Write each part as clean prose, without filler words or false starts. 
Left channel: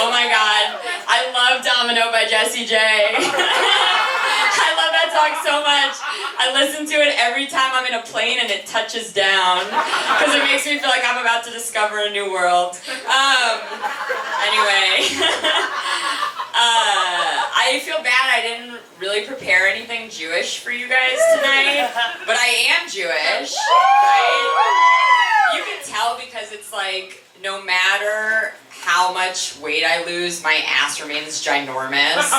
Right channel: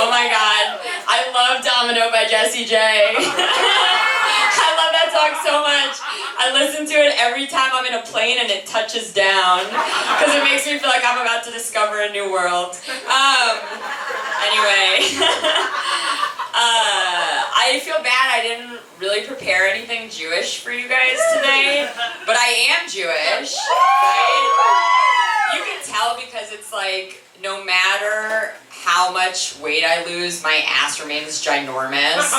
Oh my god, I love Domino by Jessie J. I love that song so much. I listen to it every time I'm in a plane and it touches down because it makes me feel like I'm about to discover a new world. Anyway, I feel bad I didn't really prepare anything Jewish for you guys tonight, but I am Jewish, right? You can tell because it's like, no matter how much weight I lose, my ass remains ginormous.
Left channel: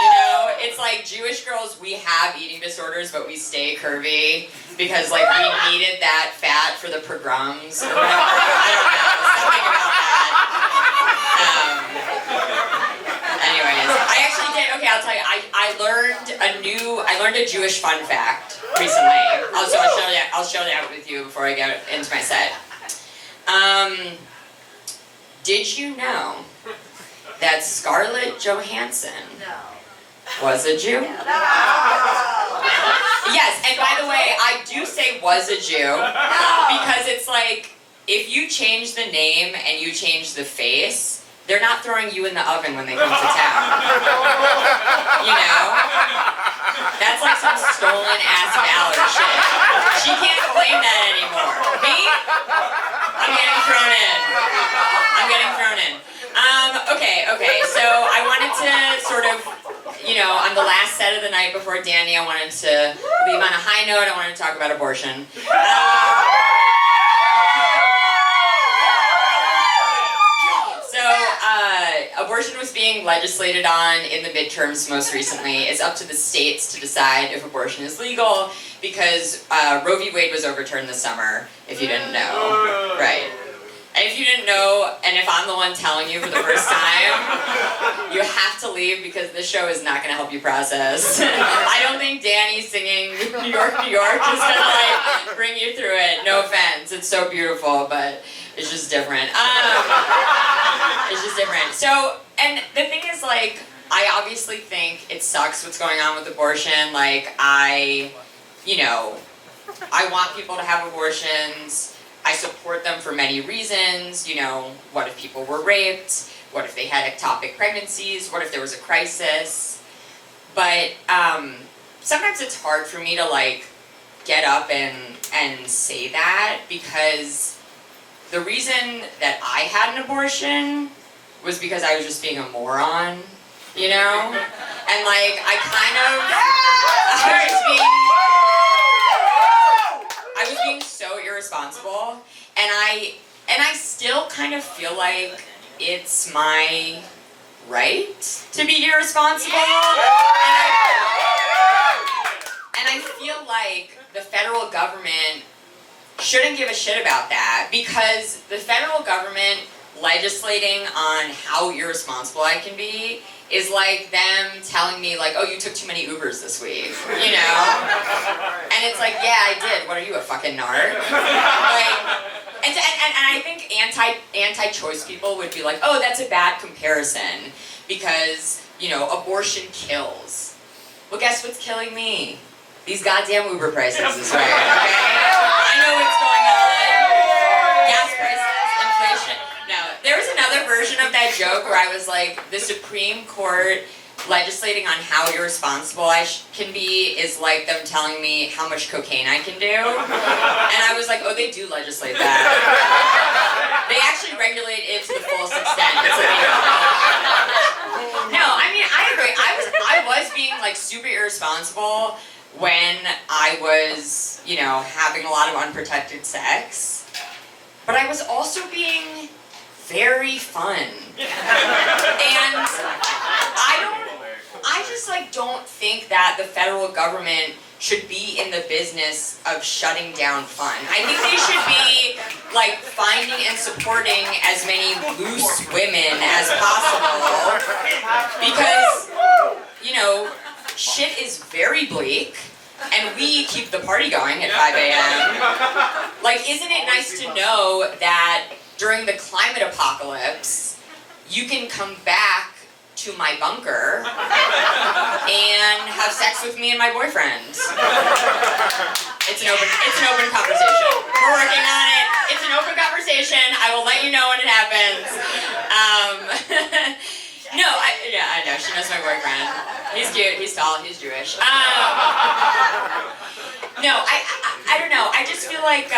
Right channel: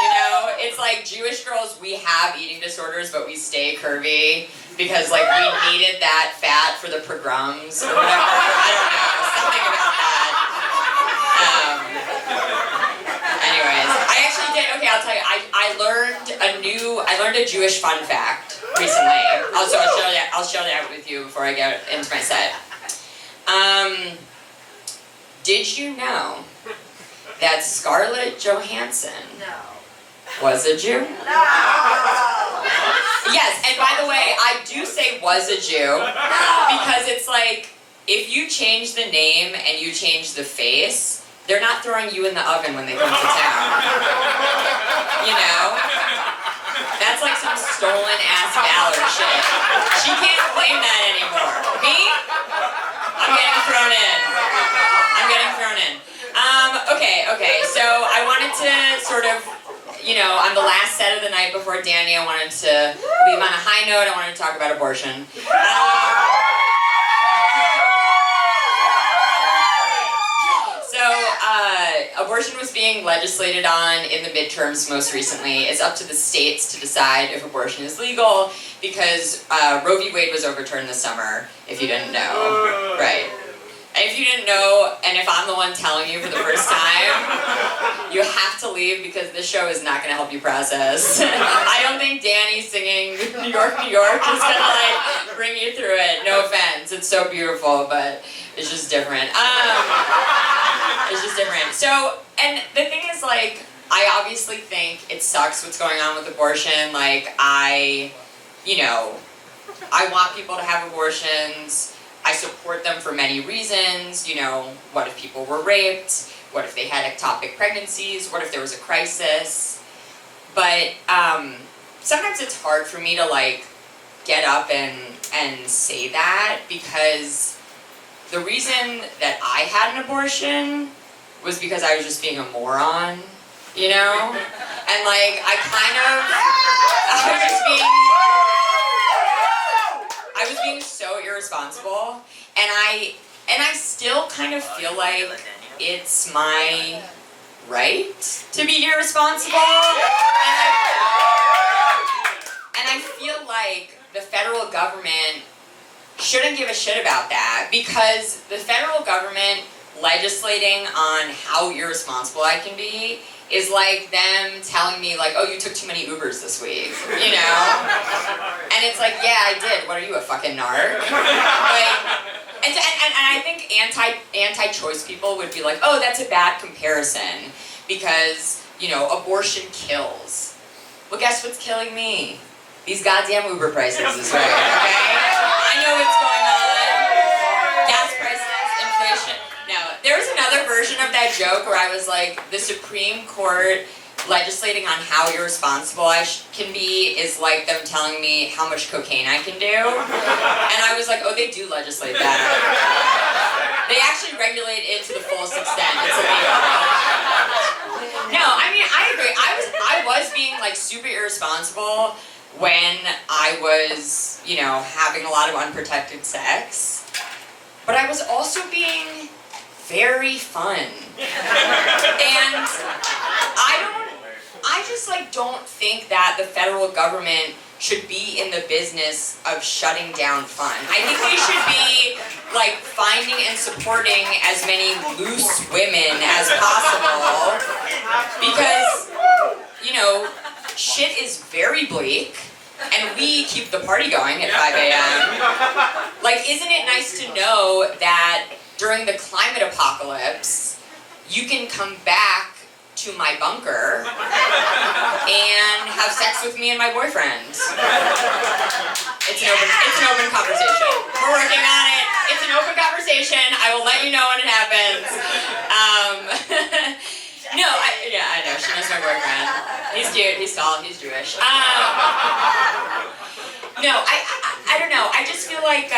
You know, it's like Jewish girls, we have eating disorders, but we stay curvy because like we needed that fat for the pogroms or whatever. I don't know, something about that. Anyways, I actually did, okay, I'll tell you, I learned a Jewish fun fact recently. I'll share that with you before I get into my set. Did you know that Scarlett Johansson was a Jew? No. Yes, and by the way, I do say was a Jew because it's like, if you change the name and you change the face, they're not throwing you in the oven when they come to town. You know? That's like some stolen ass valor shit. She can't claim that anymore. Me? I'm getting thrown in. Okay, so I wanted to sort of, you know, on the last set of the night before Dani, I wanted to leave on a high note. I wanted to talk about abortion. Abortion was being legislated on in the midterms most recently. It's up to the states to decide if abortion is legal because Roe v. Wade was overturned this summer, if you didn't know. Right. And if you didn't know, and if I'm the one telling you for the first time, you have to leave because this show is not going to help you process. I don't think Dani singing New York, New York is going to like bring you through it. No offense. It's so beautiful, but it's just different. It's just different. So, and the thing is, like, I obviously think it sucks what's going on with abortion. Like, I want people to have abortions. I support them for many reasons. You know, what if people were raped? What if they had ectopic pregnancies? What if there was a crisis? But sometimes it's hard for me to, like, get up and say that because the reason that I had an abortion was because I was just being a moron, you know? And like, I was being so irresponsible, and I still kind of feel like it's my right to be irresponsible, and I feel like the federal government shouldn't give a shit about that because the federal government legislating on how irresponsible I can be is like them telling me like, oh, you took too many Ubers this week, you know? And it's like, yeah, I did. What are you, a fucking narc? Like, and I think anti-choice people would be like, oh, that's a bad comparison because, you know, abortion kills. Well, guess what's killing me? These goddamn Uber prices this way, okay? I know what's going on. Gas prices, inflation. No, there was another version of that joke where I was like, the Supreme Court legislating on how irresponsible I can be is like them telling me how much cocaine I can do. And I was like, oh, they do legislate that. They actually regulate it to the fullest extent. It's illegal. No, I mean, I agree. I was being like super irresponsible when I was, you know, having a lot of unprotected sex, but I was also being very fun. And I just like don't think that the federal government should be in the business of shutting down fun. I think they should be like finding and supporting as many loose women as possible because, you know, shit is very bleak, and we keep the party going at 5 a.m. Like, isn't it nice to know that during the climate apocalypse, you can come back to my bunker and have sex with me and my boyfriend? It's an open conversation. We're working on it. It's an open conversation. I will let you know when it happens. He's cute, he's tall, he's Jewish. No, I don't know. I just feel like,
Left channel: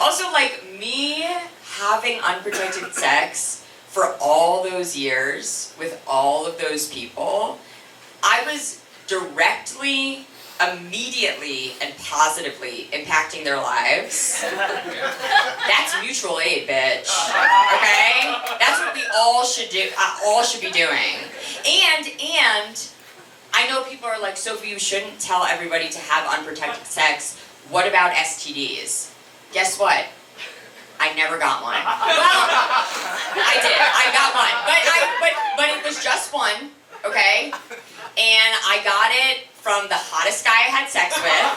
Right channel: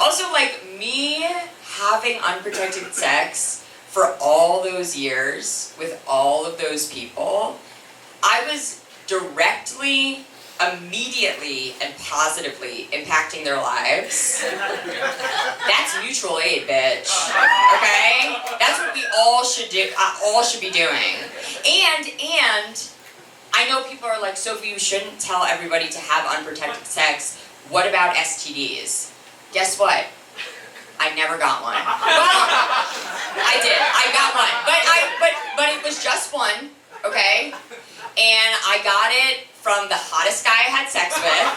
also like me having unprotected sex for all those years with all of those people, I was directly, immediately, and positively impacting their lives. That's mutual aid, bitch. Okay? That's what we all should do. All should be doing. And I know people are like, Sophie, you shouldn't tell everybody to have unprotected sex. What about STDs? Guess what? I never got one. Well, I did. I got one, but it was just one, okay? And I got it from the hottest guy I had sex with.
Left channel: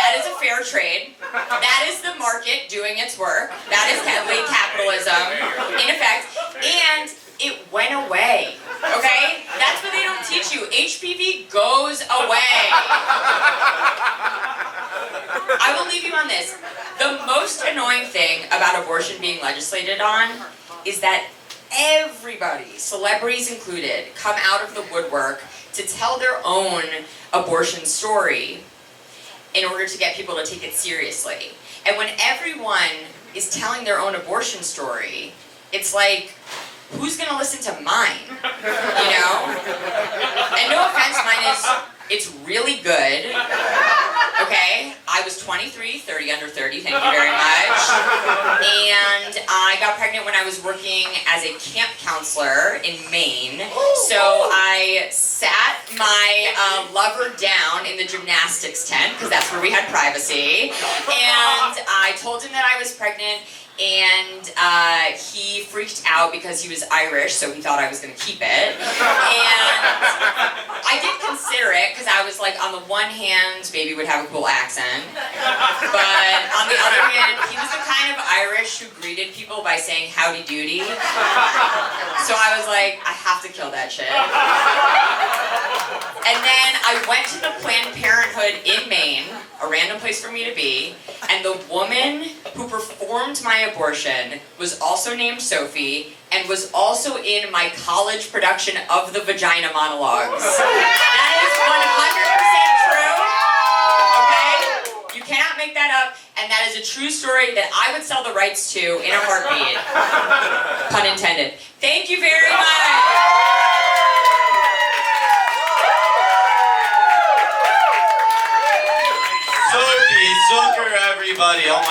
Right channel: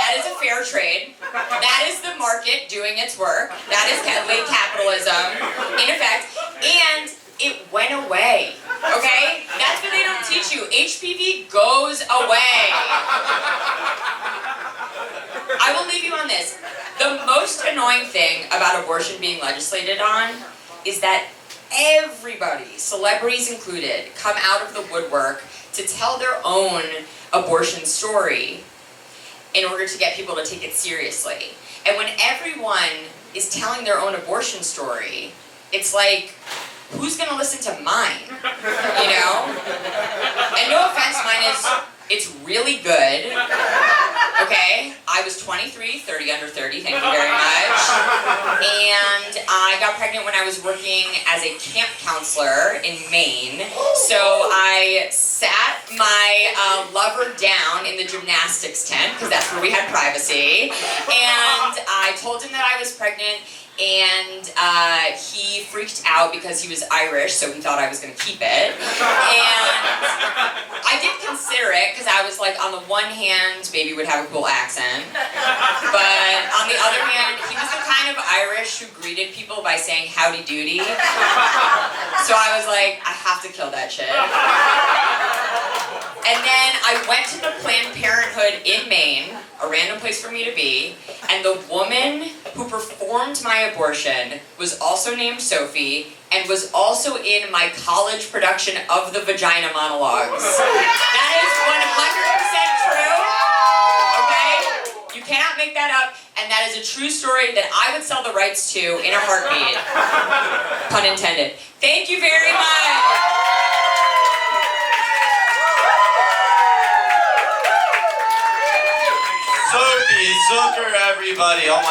That is a fair trade. That is the market doing its work. That is late capitalism in effect. And it went away, okay? That's what they don't teach you. HPV goes away. I will leave you on this. The most annoying thing about abortion being legislated on is that everybody, celebrities included, come out of the woodwork to tell their own abortion story in order to get people to take it seriously. And when everyone is telling their own abortion story, it's like, who's gonna listen to mine? You know? And no offense, it's really good. Okay? I was 23, 30 under 30, thank you very much. And I got pregnant when I was working as a camp counselor in Maine. So I sat my lover down in the gymnastics tent, because that's where we had privacy. And I told him that I was pregnant, and he freaked out because he was Irish, so he thought I was going to keep it. And I did consider it, because I was like, on the one hand, baby would have a cool accent, but on the other hand, he was the kind of Irish who greeted people by saying howdy doody. So I was like, I have to kill that shit. And then I went to the Planned Parenthood in Maine, a random place for me to be, and the woman who performed my abortion was also named Sophie and was also in my college production of the Vagina Monologues. That is 100% true, okay? You cannot make that up, and that is a true story that I would sell the rights to in a heartbeat. Pun intended. Thank you very much. Sophie Zucker, everybody. Oh my God.